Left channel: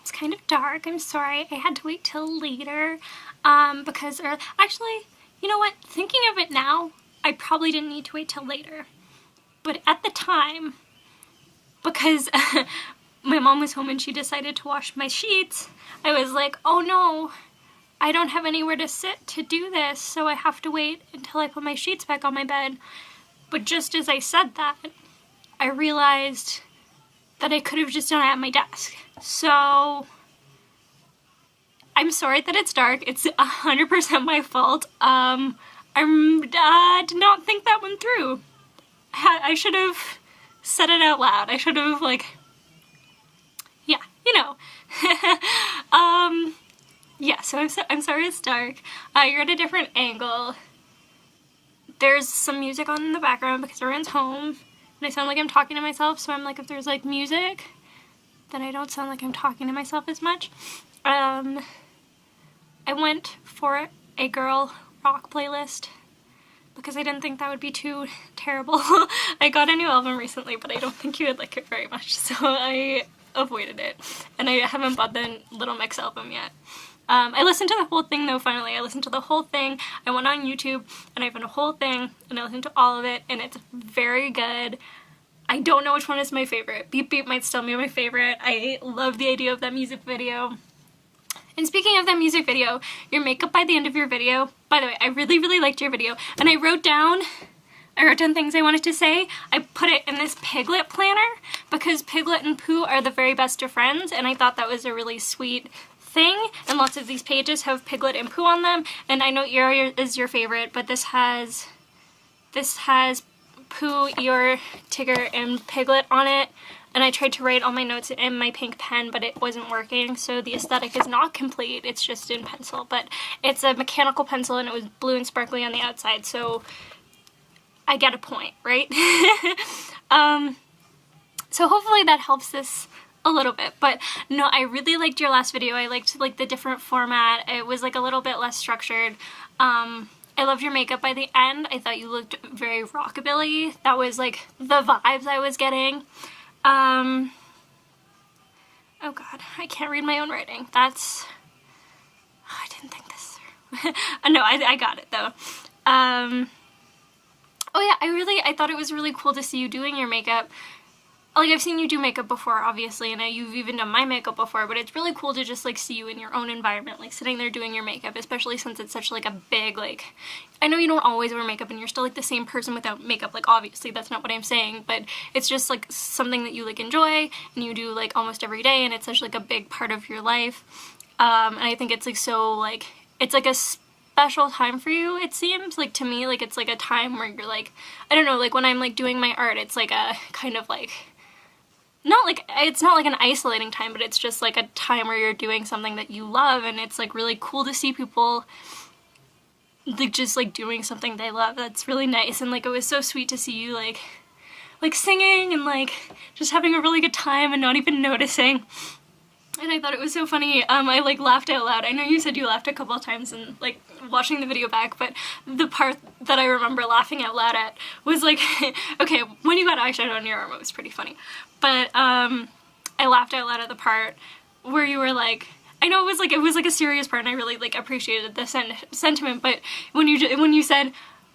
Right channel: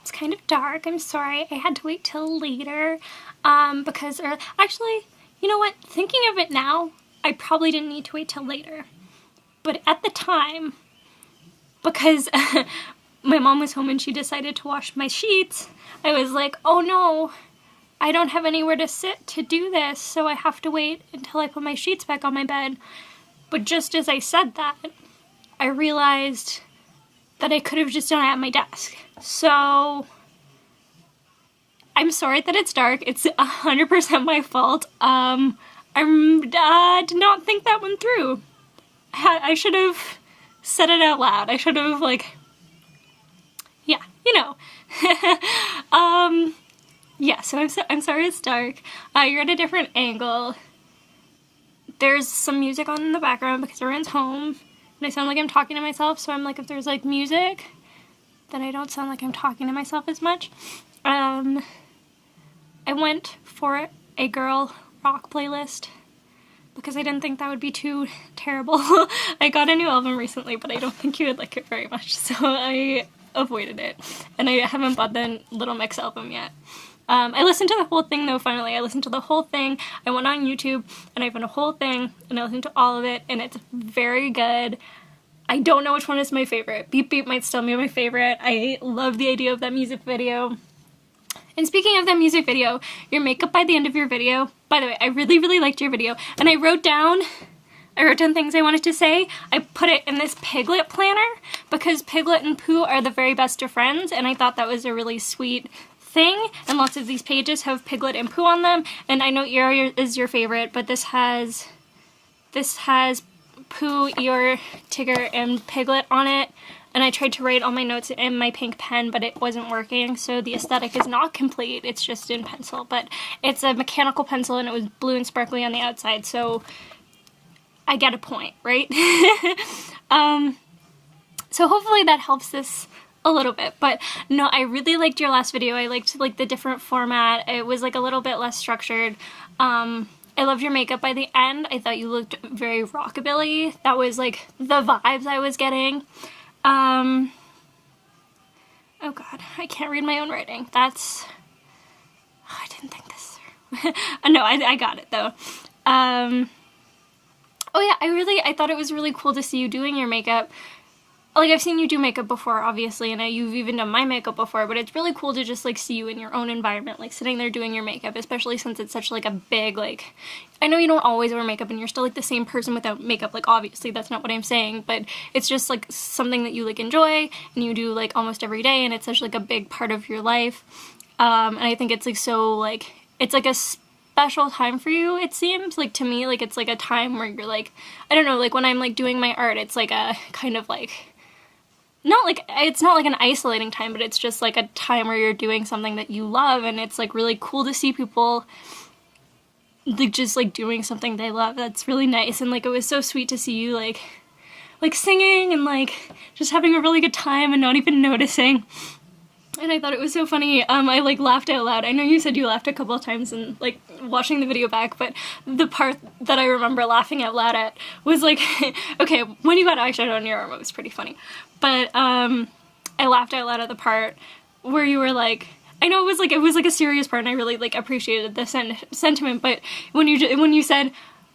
It's kind of dark. I'm sorry. I had to wait till later, because, or actually, you know what? Thinking of it now, I probably didn't need to wait till later. But at the time, because my mom was home and she decided to wash my sheets, I was like, oh no, I don't have anywhere to sit to do this, so I have to wait until I put my sheets back on my bed. But just as I said that, I realized that I could have just done it at my desk. So, I'm sorry that it's dark. It's 100% my fault. I did not think that one through. I should have said it out loud. I should have, yeah, you know. Yeah, so I'm sorry it's dark. You're at a different angle. There's some music on in the background because everyone's home, and I sound like I'm talking to myself, so I'm like, if there's, music, then I don't sound like I'm talking to myself as much. I went for a girl rock playlist because I didn't think that would be too terrible. I got a new album recently, but I don't think you would like it very much, so I avoided it, and I haven't bought the Little Mix album yet. I listened to the whole thing, though, finally. I listened to the whole thing. I went on YouTube, and I found a whole thing, and I listened to all of it, and it's very good. I don't know which one is my favorite. Beep Beep might still be my favorite. I love the idea of that music video. And speaking of that music video, your makeup by the end of your video, by the way, I really, really liked your video, and I wrote down things I wanted to say. I put it in this Piglet planner, because Piglet and Pooh are the very best of friends, and I thought that was a really sweet thing, and lots of these pages have Piglet and Pooh on them, and I know Eeyore is your favorite, but this has Pooh, Eeyore, Tigger, and Piglet on it, and I tried to write all my notes in my pink pen, but it wasn't working, so the aesthetic is not complete. It's just in pencil, but it's a mechanical pencil, and it was blue and sparkly on the outside, so I get a point, right? So hopefully that helps this a little bit, but no, I really liked your last video. I liked, the different format. It was, a little bit less structured. I loved your makeup by the end. I thought you looked very rockabilly. That was, the vibes I was getting. Oh god, I can't read my own writing. I didn't think this through. No, I got it, though. Oh yeah, I thought it was really cool to see you doing your makeup. I've seen you do makeup before, obviously, and you've even done my makeup before, but it's really cool to just, see you in your own environment, sitting there doing your makeup, especially since it's such, a big, I know you don't always wear makeup, and you're still, the same person without makeup, obviously, that's not what I'm saying, but it's just, something that you, enjoy, and you do, almost every day, and it's such, a big part of your life, and I think it's, so, it's, a special time for you, it seems, to me, it's, a time where you're, I don't know, when I'm, doing my art, it's, a kind of, it's not an isolating time, but it's just a time where you're doing something that you love, and it's really cool to see people just doing something they love. That's really nice, and it was so sweet to see you singing and just having a really good time and not even noticing. And I thought it was so funny. I laughed out loud. I know you said you laughed a couple of times and watching the video back, but the part that I remember laughing out loud at was okay, when you got eyeshadow on your arm, it was pretty funny. But I laughed out loud at the part where you were I know it was a serious part, and I really appreciated the sentiment. But when you said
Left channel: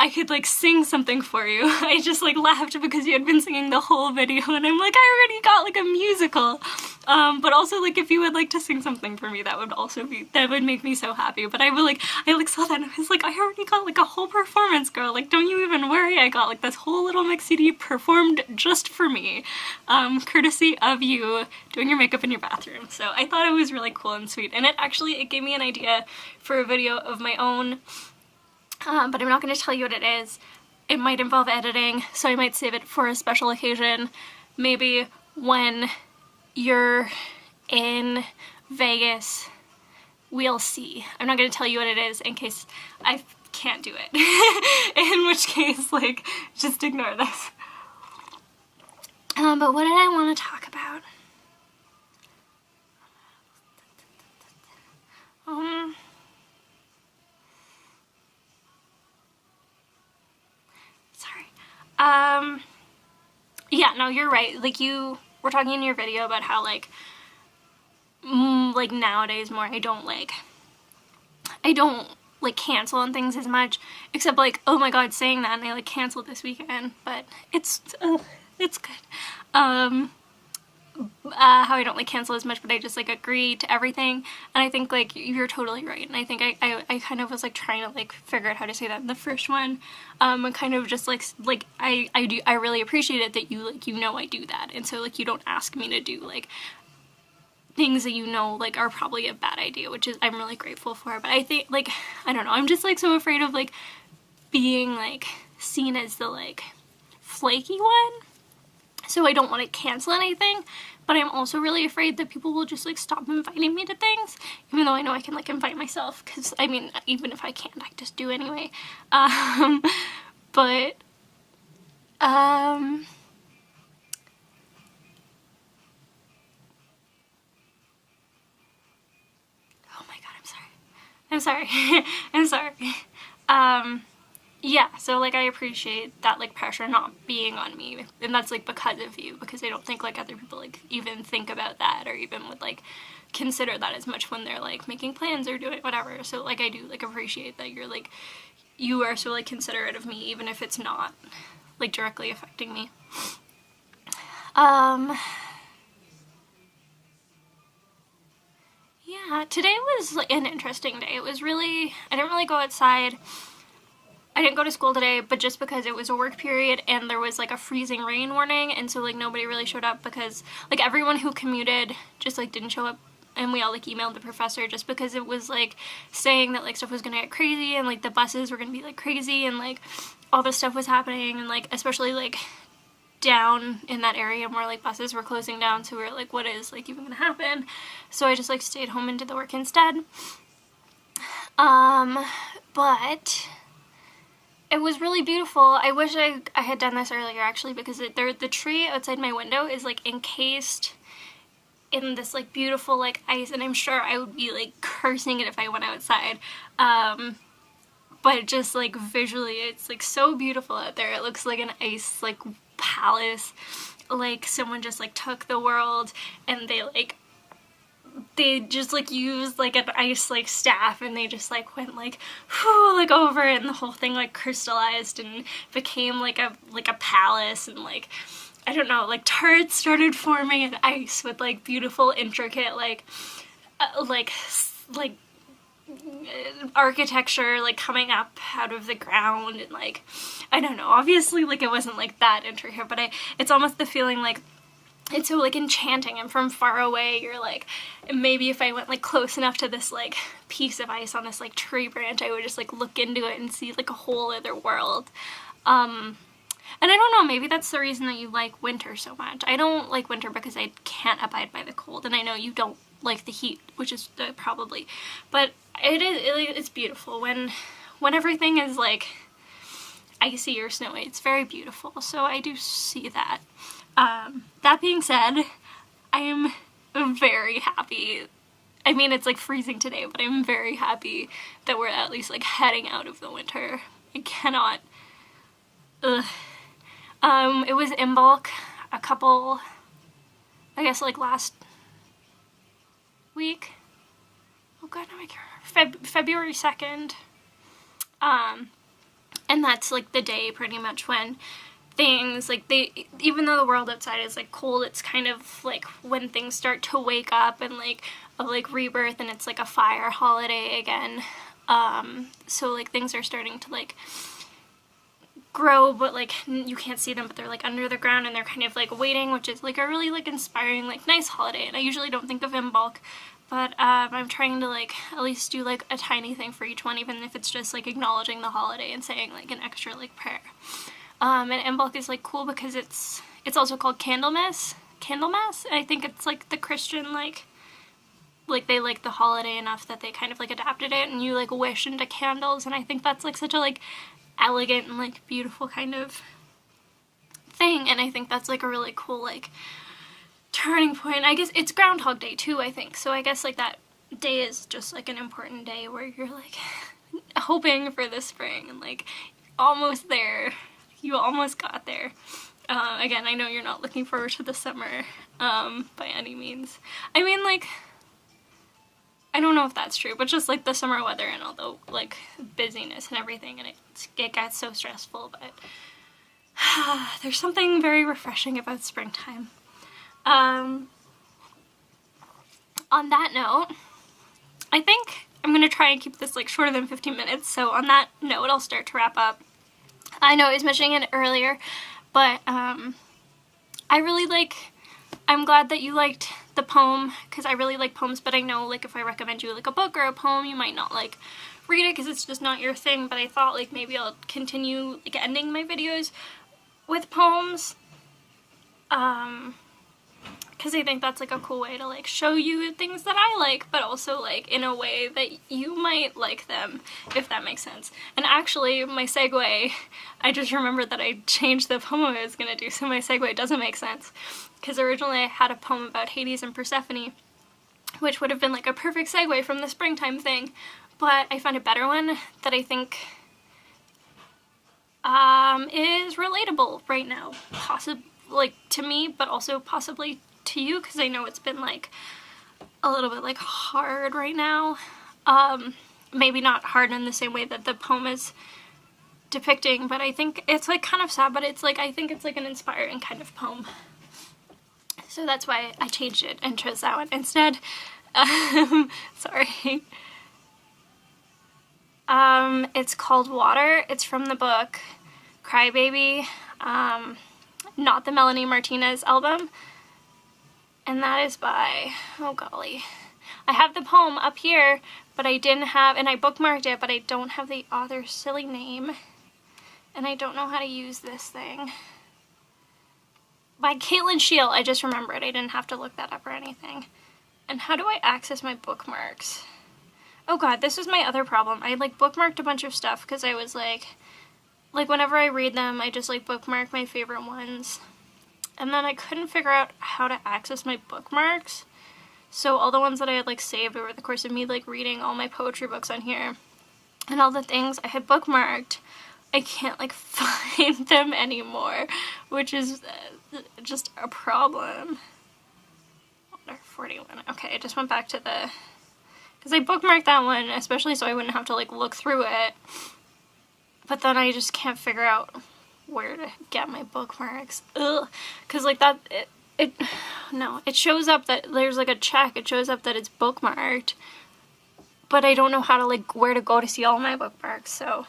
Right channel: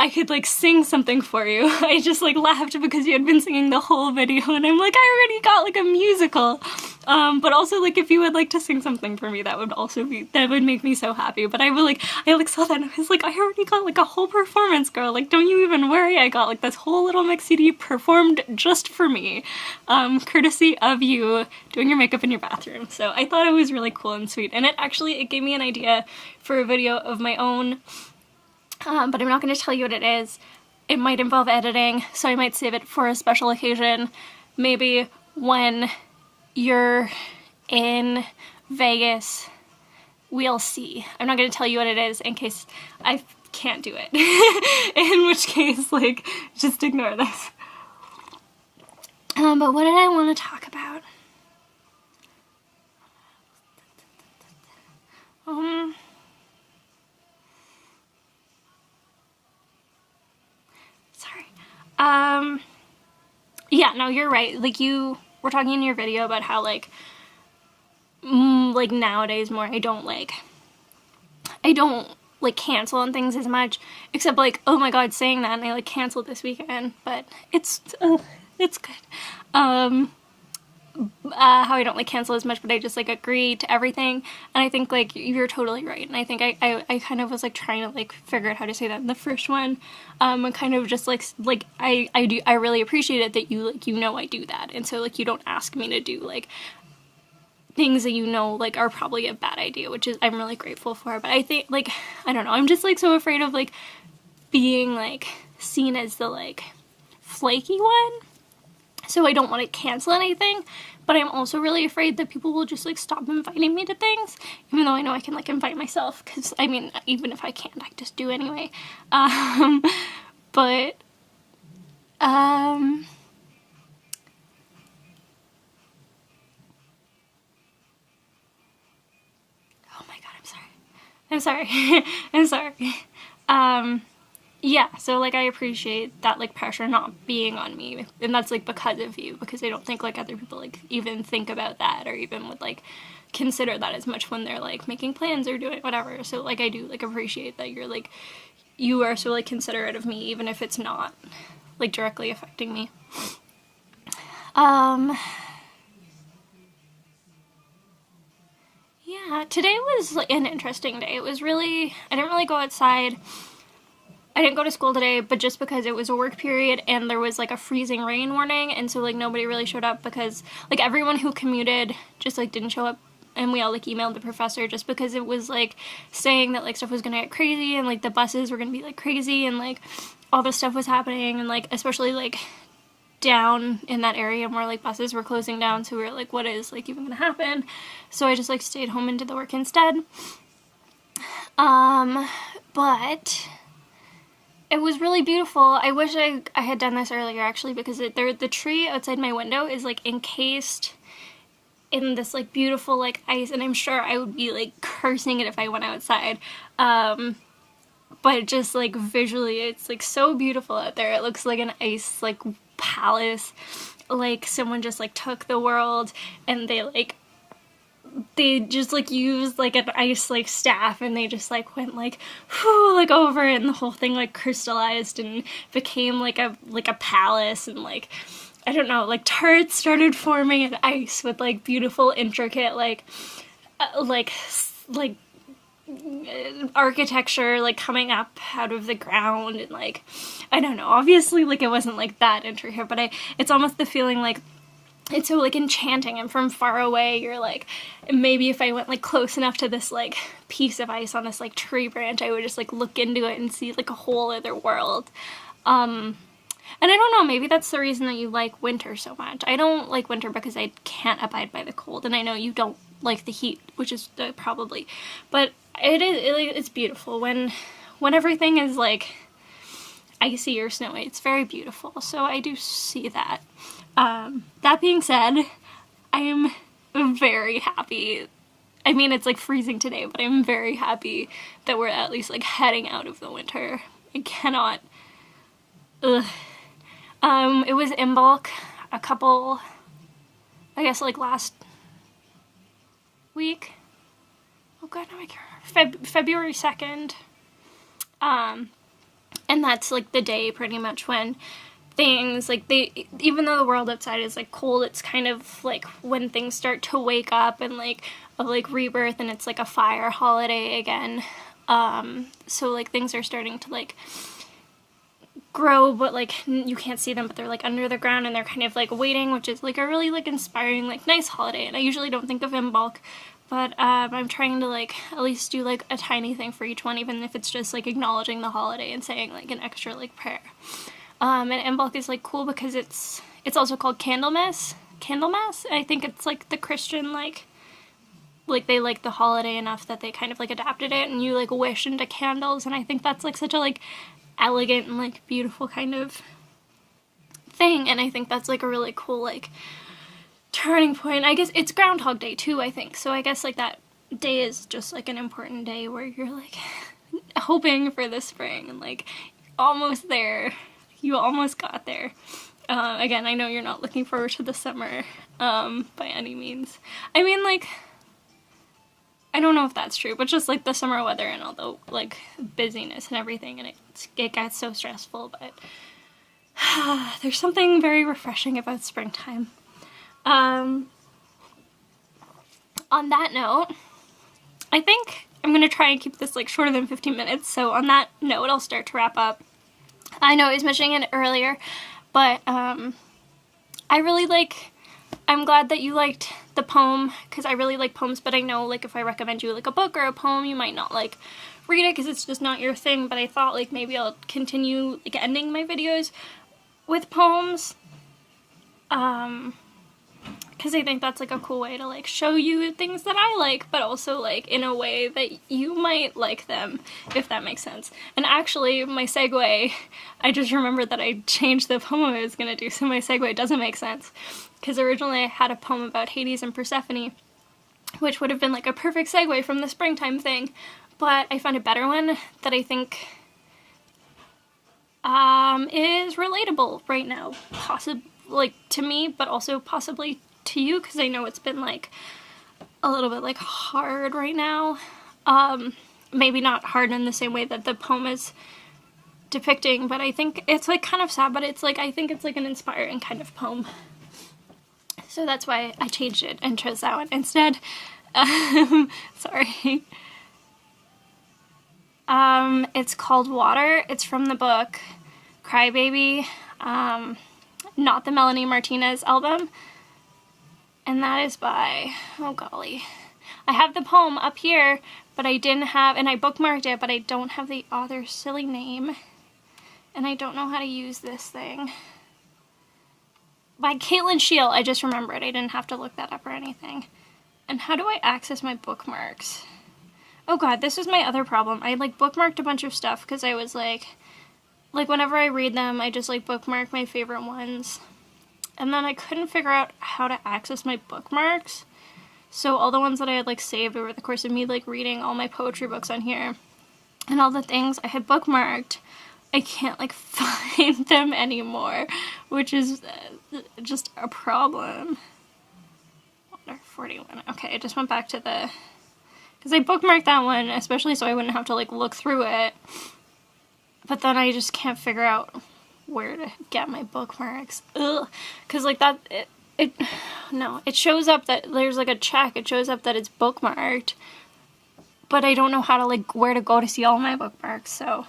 I could sing something for you, I just laughed because you had been singing the whole video, and I'm I already got a musical. But also if you would like to sing something for me, that would make me so happy. But I saw that and I was I already got a whole performance, girl. Don't you even worry. I got this whole Little Mix CD performed just for me, courtesy of you doing your makeup in your bathroom. So I thought it was really cool and sweet, and it gave me an idea for a video of my own. But I'm not going to tell you what it is. It might involve editing, so I might save it for a special occasion. Maybe when you're in Vegas, we'll see. I'm not going to tell you what it is in case I can't do it. In which case, just ignore this. But what did I want to talk about? Yeah, no, you're right. You were talking in your video about how, like nowadays more, I don't like cancel on things as much, except like, oh my god, saying that, and I like canceled this weekend, but it's good. How I don't like cancel as much, but I just like agree to everything, and I think like you're totally right, and I think I kind of was like trying to like figure out how to say that in the first one, and kind of just like I really appreciate it that you like, you know, I do that, and so like you don't ask me to do like things that you know like are probably a bad idea, which is I'm really grateful for. But I think like, I don't know, I'm just like so afraid of like being like seen as the like flaky one, so I don't want to cancel anything, but I'm also really afraid that people will just like stop inviting me to things, even though I know I can like invite myself, because I mean, even if I can't, I just do anyway. But oh my god, I'm sorry. I'm sorry. Yeah, so like I appreciate that like pressure not being on me, and that's like because of you, because I don't think like other people like even think about that, or even would like consider that as much when they're like making plans or doing whatever. So like I do like appreciate that you're like, you are so like considerate of me, even if it's not like directly affecting me. Yeah, today was like an interesting day. It was really, I didn't really go outside. I didn't go to school today, but just because it was a work period and there was like a freezing rain warning, and so like nobody really showed up, because like everyone who commuted just like didn't show up, and we all like emailed the professor just because it was like saying that like stuff was gonna get crazy, and like the buses were gonna be like crazy, and like all this stuff was happening, and like especially like down in that area where like buses were closing down, so we were like, what is like even gonna happen? So I just like stayed home and did the work instead. But it was really beautiful. I wish I had done this earlier, actually, because the tree outside my window is like encased in this like beautiful like ice, and I'm sure I would be like cursing it if I went outside. But just like visually, it's like so beautiful out there. It looks like an ice like palace, like someone just like took the world and they just like used like an ice like staff, and they just like went like whoo, like over it, and the whole thing like crystallized and became like a palace, and like I don't know, like turrets started forming in ice with like beautiful intricate like architecture like coming up out of the ground, and like I don't know, obviously like it wasn't like that intricate, but it's almost the feeling like it's so like enchanting, and from far away you're like, maybe if I went like close enough to this like piece of ice on this like tree branch, I would just like look into it and see like a whole other world. And I don't know, maybe that's the reason that you like winter so much. I don't like winter because I can't abide by the cold, and I know you don't like the heat, which is probably, but it's beautiful when everything is like icy or snowy. It's very beautiful, so I do see that. That being said, I'm very happy. I mean, it's like freezing today, but I'm very happy that we're at least like heading out of the winter. I cannot. Ugh. It was in bulk a couple, I guess like last week. Oh god, now I can't remember. February 2nd. And that's like the day pretty much when things like even though the world outside is like cold, it's kind of like when things start to wake up and like of like rebirth, and it's like a fire holiday again. So like things are starting to like grow, but like you can't see them, but they're like under the ground, and they're kind of like waiting, which is like a really like inspiring like nice holiday. And I usually don't think of in bulk, but I'm trying to like at least do like a tiny thing for each one, even if it's just like acknowledging the holiday and saying like an extra like prayer. And Imbolc is like cool because it's also called Candlemas. I think it's like the Christian like they like the holiday enough that they kind of like adapted it, and you like wish into candles, and I think that's like such a like elegant and like beautiful kind of thing, and I think that's like a really cool like turning point. I guess it's Groundhog Day too, I think, so I guess like that day is just like an important day where you're like hoping for the spring, and like almost there. You almost got there. Again, I know you're not looking forward to the summer by any means. I mean, like, I don't know if that's true, but just like the summer weather and all the like busyness and everything, and it gets so stressful, but there's something very refreshing about springtime. On that note, I think I'm going to try and keep this like shorter than 15 minutes, so on that note, I'll start to wrap up. I know I was mentioning it earlier, but I'm glad that you liked the poem, because I really like poems, but I know, like, if I recommend you, like, a book or a poem, you might not, like, read it, because it's just not your thing, but I thought, like, maybe I'll continue, like, ending my videos with poems, because I think that's, like, a cool way to, like, show you things that I like, but also, like, in a way that you might like them, if that makes sense. And actually, my segue, I just remembered that I changed the poem I was going to do, so my segue doesn't make sense. Because originally I had a poem about Hades and Persephone, which would have been, like, a perfect segue from the springtime thing, but I found a better one that I think is relatable right now, possibly, like, to me, but also possibly to you, because I know it's been, like, a little bit, like, hard right now. Maybe not hard in the same way that the poem is depicting, but I think it's, like, kind of sad, but it's, like, I think it's, like, an inspiring kind of poem. So that's why I changed it and chose that one instead. Sorry. It's called Water. It's from the book Crybaby, not the Melanie Martinez album. And that is by, oh golly, I have the poem up here, but I didn't have, and I bookmarked it, but I don't have the author's silly name, and I don't know how to use this thing. By Caitlin Shield, I just remembered, I didn't have to look that up or anything. And how do I access my bookmarks? Oh god, this was my other problem. I, like, bookmarked a bunch of stuff, because I was like, whenever I read them, I just, like, bookmark my favorite ones. And then I couldn't figure out how to access my bookmarks. So all the ones that I had, like, saved over the course of me, like, reading all my poetry books on here, and all the things I had bookmarked, I can't, like, find them anymore, which is just a problem. 41. Okay, I just went back to the, because I bookmarked that one, especially so I wouldn't have to, like, look through it, but then I just can't figure out where to get my bookmarks. Ugh. Because, like, that, it shows up that there's, like, a check. It shows up that it's bookmarked, but I don't know how to, like, where to go to see all my bookmarks, so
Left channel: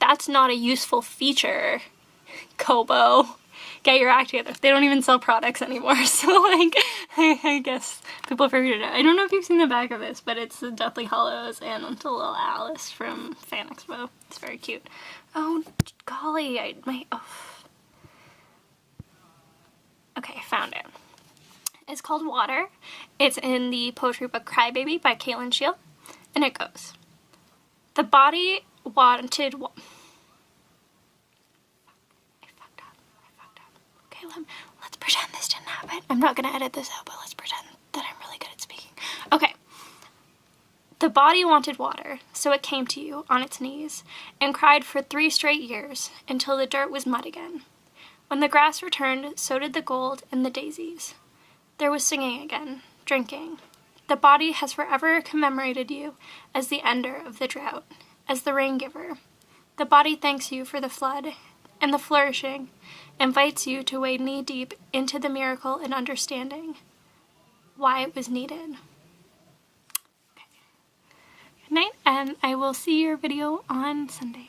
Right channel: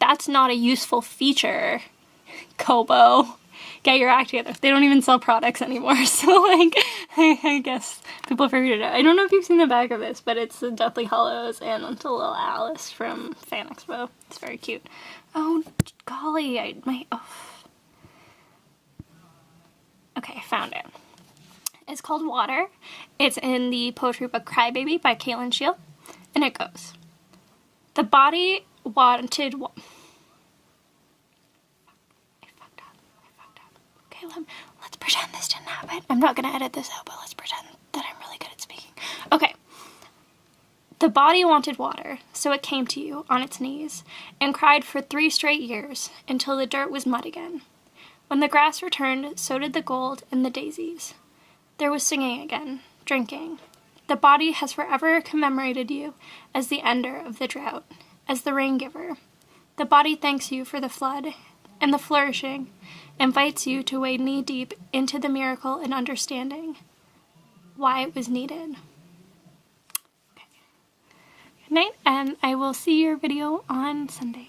that's not a useful feature, Kobo. Get your act together. They don't even sell products anymore, so, like, I guess people figured it out. I don't know if you've seen the back of this, but it's the Deathly Hallows and the little Alice from Fan Expo. It's very cute. Oh, golly, Okay, I found it. It's called Water. It's in the poetry book Crybaby by Caitlin Shield, and it goes, the body wanted... I fucked up. Okay, let's pretend this didn't happen. I'm not going to edit this out, but let's pretend that I'm really good at speaking. Okay. The body wanted water, so it came to you on its knees, and cried for 3 straight years, until the dirt was mud again. When the grass returned, so did the gold and the daisies. There was singing again, drinking. The body has forever commemorated you as the ender of the drought, as the rain giver. The body thanks you for the flood, and the flourishing, invites you to wade knee-deep into the miracle and understanding why it was needed. Good night, and I will see your video on Sunday.